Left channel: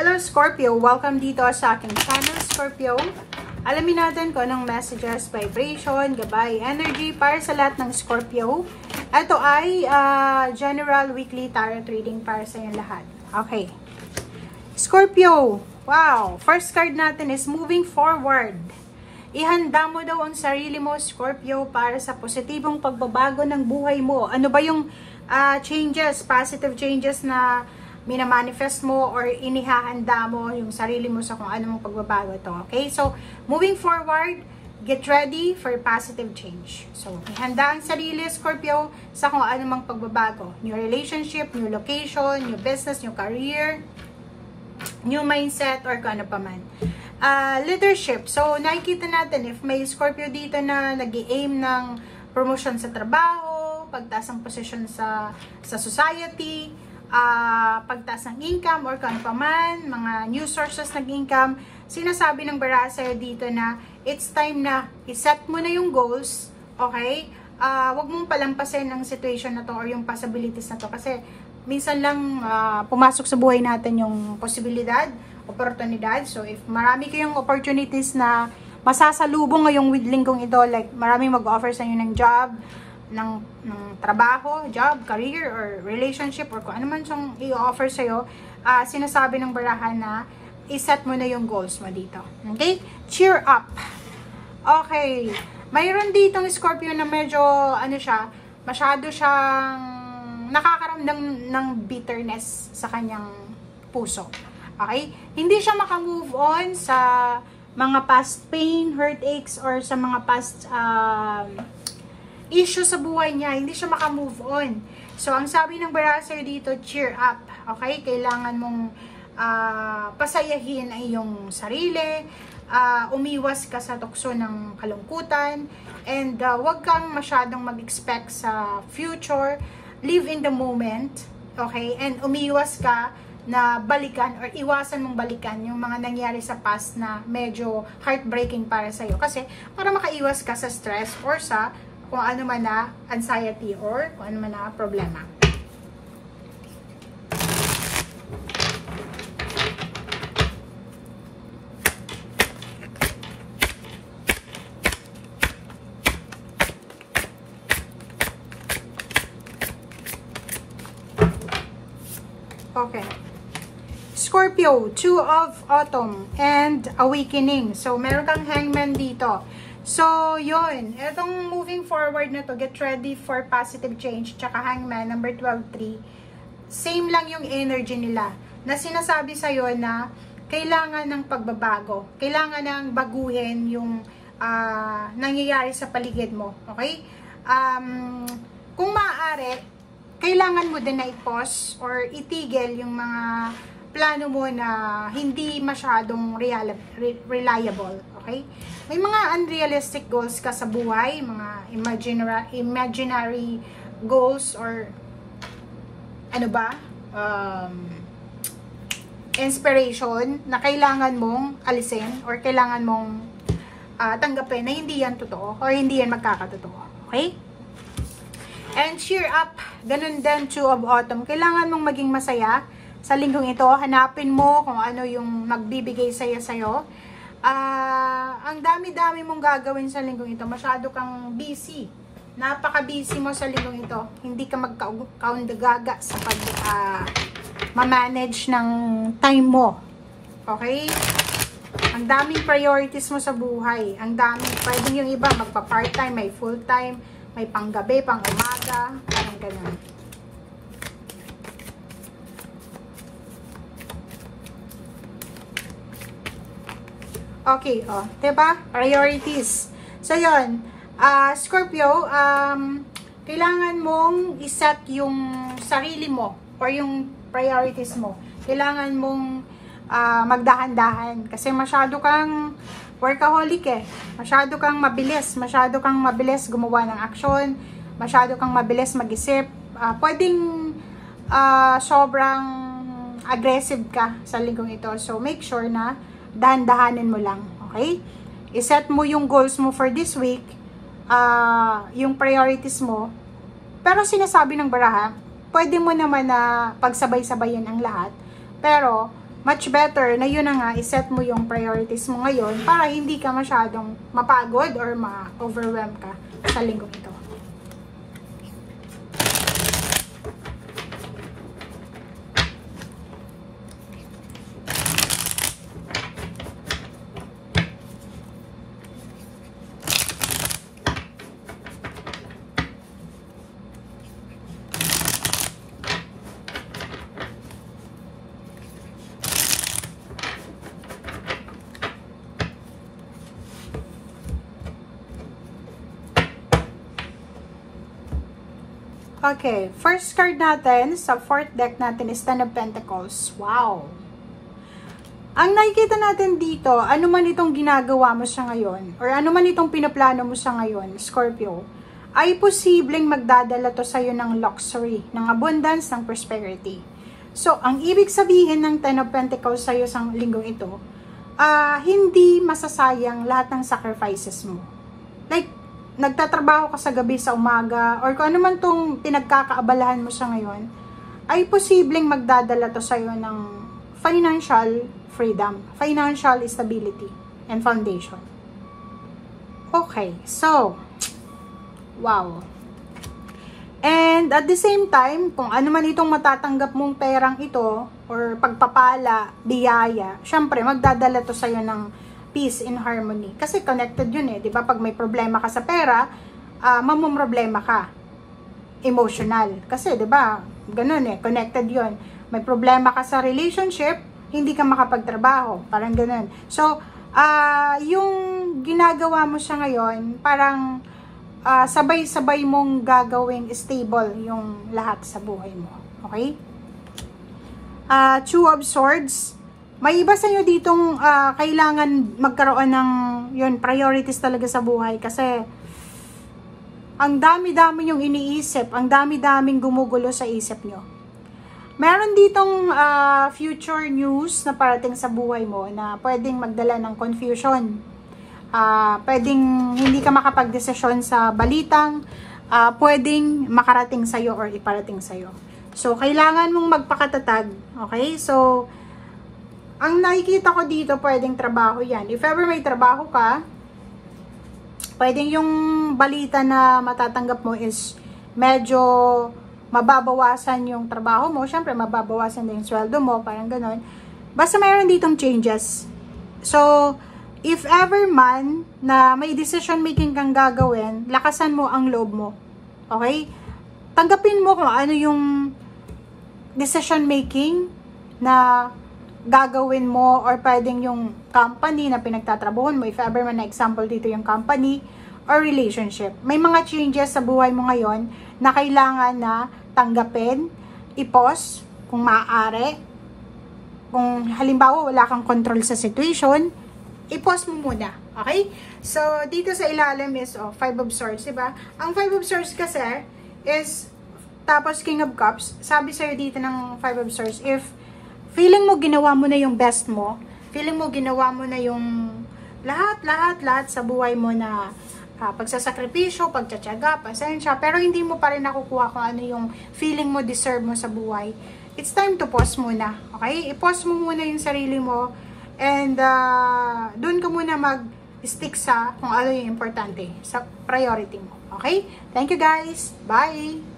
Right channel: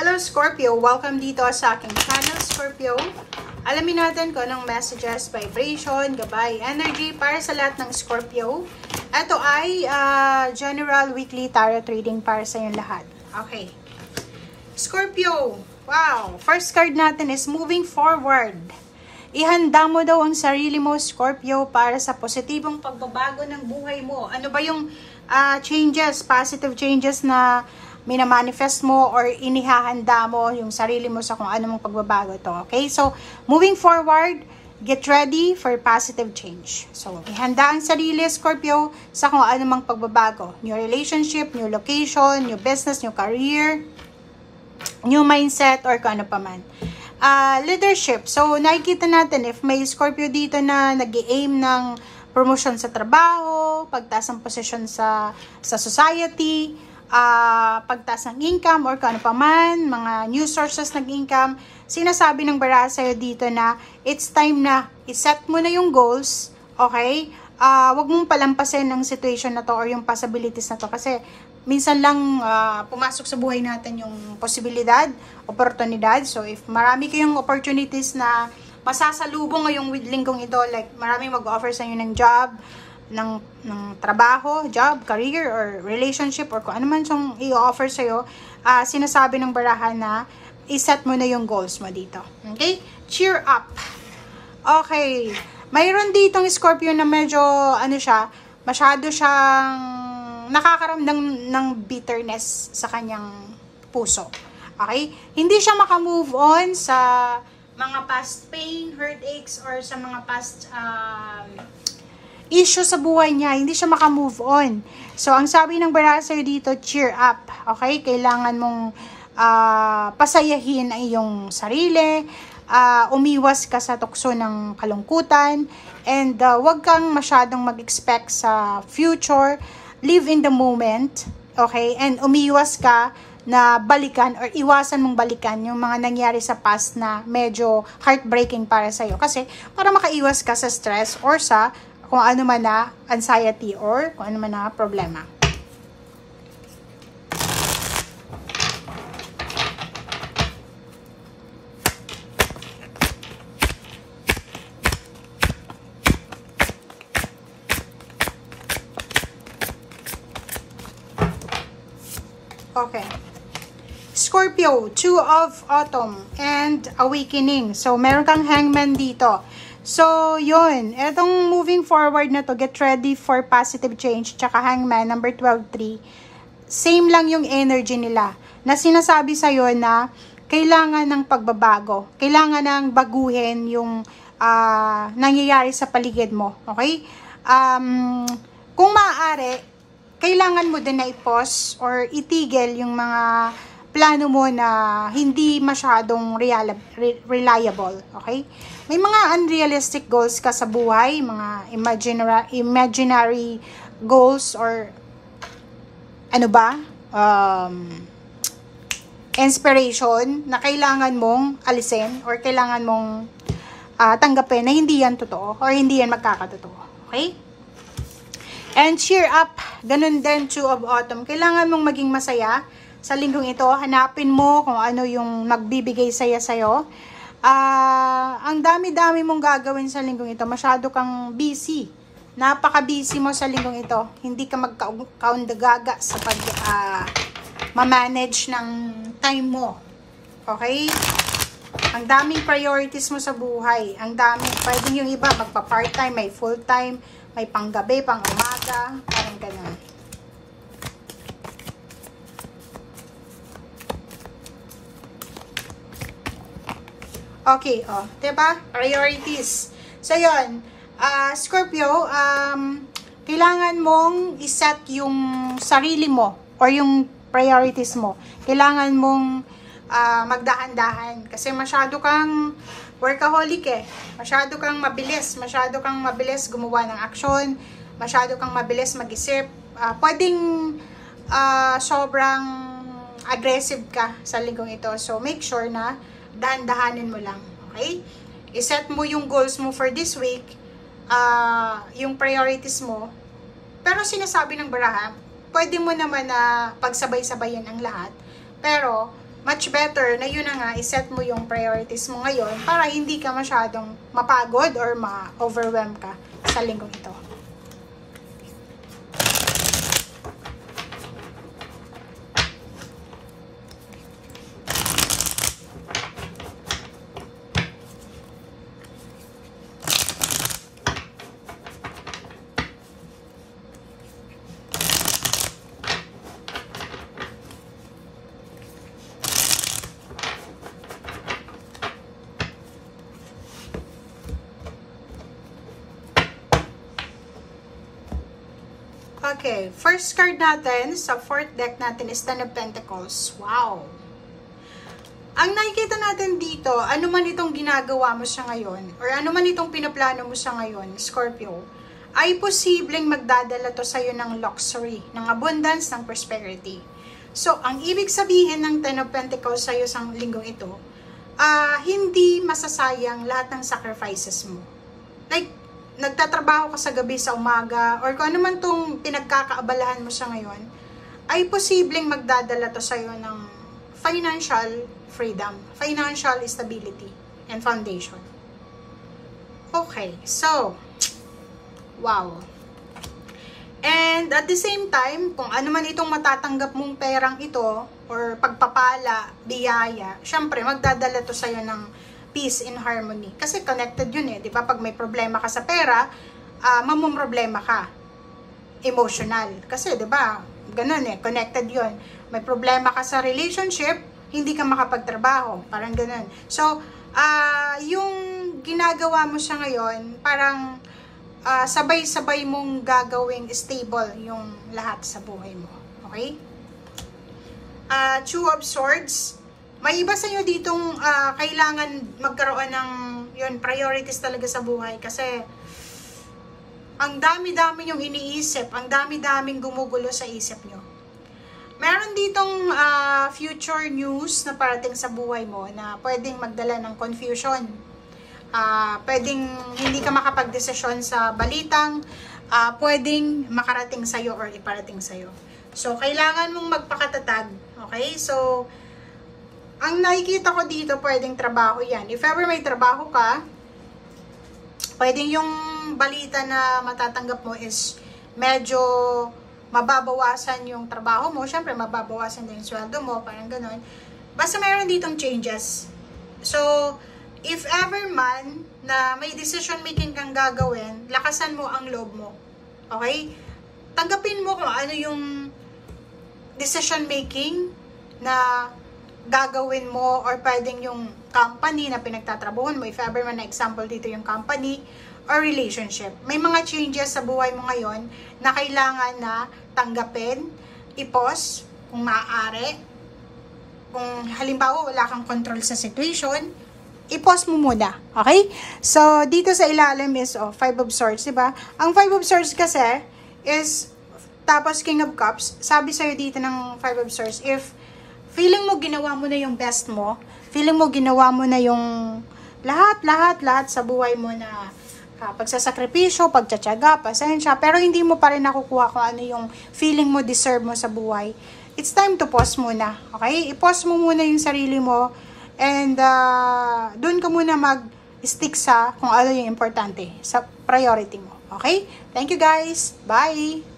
Hello Scorpio! Welcome dito sa aking channel, Scorpio. Alamin natin kung anong messages, vibration, gabay, energy para sa lahat ng Scorpio. Ito ay general weekly tarot reading para sa inyong lahat. Okay. Scorpio, wow! First card natin is moving forward. Ihanda mo daw ang sarili mo, Scorpio, para sa positibong pagbabago ng buhay mo. Ano ba yung changes, positive changes na minamanifest mo or inihahanda mo yung sarili mo sa kung ano mong pagbabago to. Okay? So, moving forward, get ready for positive change. So, ihanda ang sarili, Scorpio, sa kung ano mang pagbabago. New relationship, new location, new business, new career, new mindset, or kung ano pa man. Leadership. So, nakikita natin if may Scorpio dito na nag-i-aim ng promotion sa trabaho, pagtaas ng posisyon sa society, pagtaas ng income or kung ano pa man, mga new sources ng income, sinasabi ng baraha sa'yo dito na it's time na iset mo na yung goals, okay? Wag mong palampasin ang situation na to or yung possibilities na to kasi minsan lang pumasok sa buhay natin yung posibilidad, oportunidad. So if marami kayong opportunities na masasalubong ngayong linggong ito, like maraming mag-offer sa inyo ng job, ng trabaho, job, career, or relationship, or kung ano man siyang i-offer sa'yo, sinasabi ng baraha na iset mo na yung goals mo dito. Okay? Cheer up. Okay. Mayroon ditong Scorpio na medyo, masyado siyang nakakaramdam ng bitterness sa kanyang puso. Okay? Hindi siya makamove on sa mga past pain, heartaches, or sa mga past issue sa buhay niya, hindi siya makamove on. So, ang sabi ng baraha sa'yo dito, cheer up. Okay? Kailangan mong pasayahin ay iyong sarili, umiwas ka sa tukso ng kalungkutan, and wag kang masyadong mag-expect sa future, live in the moment, okay? And umiwas ka na balikan or iwasan mong balikan yung mga nangyari sa past na medyo heartbreaking para sa'yo. Kasi, para makaiwas ka sa stress or sa kung ano man na anxiety or kung ano man na problema. Okay. Scorpio, 2 of Autumn and Awakening. So, meron kang Hangman dito. So, yun. Etong moving forward na to, get ready for positive change, tsaka Hangman, number 12-3. Same lang yung energy nila. Na sinasabi sa'yo na kailangan ng pagbabago. Kailangan ng baguhin yung nangyayari sa paligid mo. Okay? Kung maaari, kailangan mo din na i-pause or itigil yung mga plano mo na hindi masyadong reliable. Okay? May mga unrealistic goals ka sa buhay, mga imaginary goals or inspiration na kailangan mong alisin or kailangan mong tanggapin na hindi yan totoo or hindi yan magkakatotoo. Okay? And cheer up. Ganun din, 2 of Autumn. Kailangan mong maging masaya sa linggong ito. Hanapin mo kung ano yung magbibigay saya sa'yo. Ang dami-dami mong gagawin sa linggong ito. Masyado kang busy. Napaka-busy mo sa linggong ito. Hindi ka magkaundagaga sa ma-manage ng time mo. Okay? Ang daming priorities mo sa buhay. Ang daming, pwedeng yung iba magpa-part-time, may full-time, may panggabi, pang-umaga, parang ganun. Okay, diba? Priorities. So, yun. Scorpio, kailangan mong iset yung sarili mo or yung priorities mo. Kailangan mong magdahan-dahan. Kasi masyado kang workaholic eh. Masyado kang mabilis gumawa ng aksyon. Masyado kang mabilis mag-isip. Pwedeng sobrang aggressive ka sa linggong ito. So, make sure na dahan-dahanin mo lang, okay? I-set mo yung goals mo for this week, yung priorities mo, pero sinasabi ng baraha, pwede mo naman na pagsabay-sabayan ang lahat, pero much better na yun na nga, iset mo yung priorities mo ngayon para hindi ka masyadong mapagod or ma-overwhelm ka sa linggong ito. Okay, first card natin sa fourth deck natin is Ten of Pentacles. Wow! Ang nakikita natin dito, ano man itong ginagawa mo sa ngayon, or ano man itong pinaplano mo sa ngayon, Scorpio, ay posibleng magdadala to sa'yo ng luxury, ng abundance, ng prosperity. So, ang ibig sabihin ng Ten of Pentacles sa'yo sa linggong ito, hindi masasayang lahat ng sacrifices mo. Like, nagtatrabaho ka sa gabi, sa umaga, or kung ano man itong pinagkakaabalahan mo sa ngayon, ay posibleng magdadala to sa'yo ng financial freedom, financial stability, and foundation. Okay, so, wow. And at the same time, kung ano man itong matatanggap mong perang ito, or pagpapala, biyaya, syempre, magdadala to sa'yo ng peace and harmony. Kasi connected yun eh, di ba? Pag may problema ka sa pera, mamumroblema ka. Emotional. Kasi, di ba? Ganun eh, connected yun. May problema ka sa relationship, hindi ka makapagtrabaho. Parang ganun. So, yung ginagawa mo siya ngayon, parang sabay-sabay mong gagawing stable yung lahat sa buhay mo. Okay? Two of Swords. May iba sa inyo ditong kailangan magkaroon ng yun, priorities talaga sa buhay kasi ang dami-dami yung iniisip, ang dami-daming gumugulo sa isip nyo. Meron ditong future news na parating sa buhay mo na pwedeng magdala ng confusion. Pwedeng hindi ka makapag-desisyon sa balitang, pwedeng makarating sa'yo or iparating sa'yo. So, kailangan mong magpakatatag. Okay? So, ang nakikita ko dito, pwedeng trabaho yan. If ever may trabaho ka, pwedeng yung balita na matatanggap mo is medyo mababawasan yung trabaho mo. Siyempre, mababawasan din yung sweldo mo, parang ganon. Basta mayroon ditong changes. So, if ever man na may decision making kang gagawin, lakasan mo ang loob mo. Okay? Tanggapin mo kung ano yung decision making na gagawin mo or pwedeng yung company na pinagtatrabahuan mo, if ever man na example dito yung company or relationship. May mga changes sa buhay mo ngayon na kailangan na tanggapin, i-pause kung maaari. Kung halimbawa wala kang control sa situation, i-pause mo muna. Okay? So, dito sa ilalim is Five of Swords, diba? Ang Five of Swords kasi is tapos King of Cups. Sabi sa'yo dito ng Five of Swords, if feeling mo ginawa mo na yung best mo, feeling mo ginawa mo na yung lahat sa buhay mo na pagsasakripisyo, pagtsatsaga, pasensya, pero hindi mo pa rin nakukuha kung ano yung feeling mo deserve mo sa buhay, it's time to pause muna. Okay? I-pause mo muna yung sarili mo and doon ka muna mag-stick sa kung ano yung importante, sa priority mo. Okay? Thank you guys. Bye!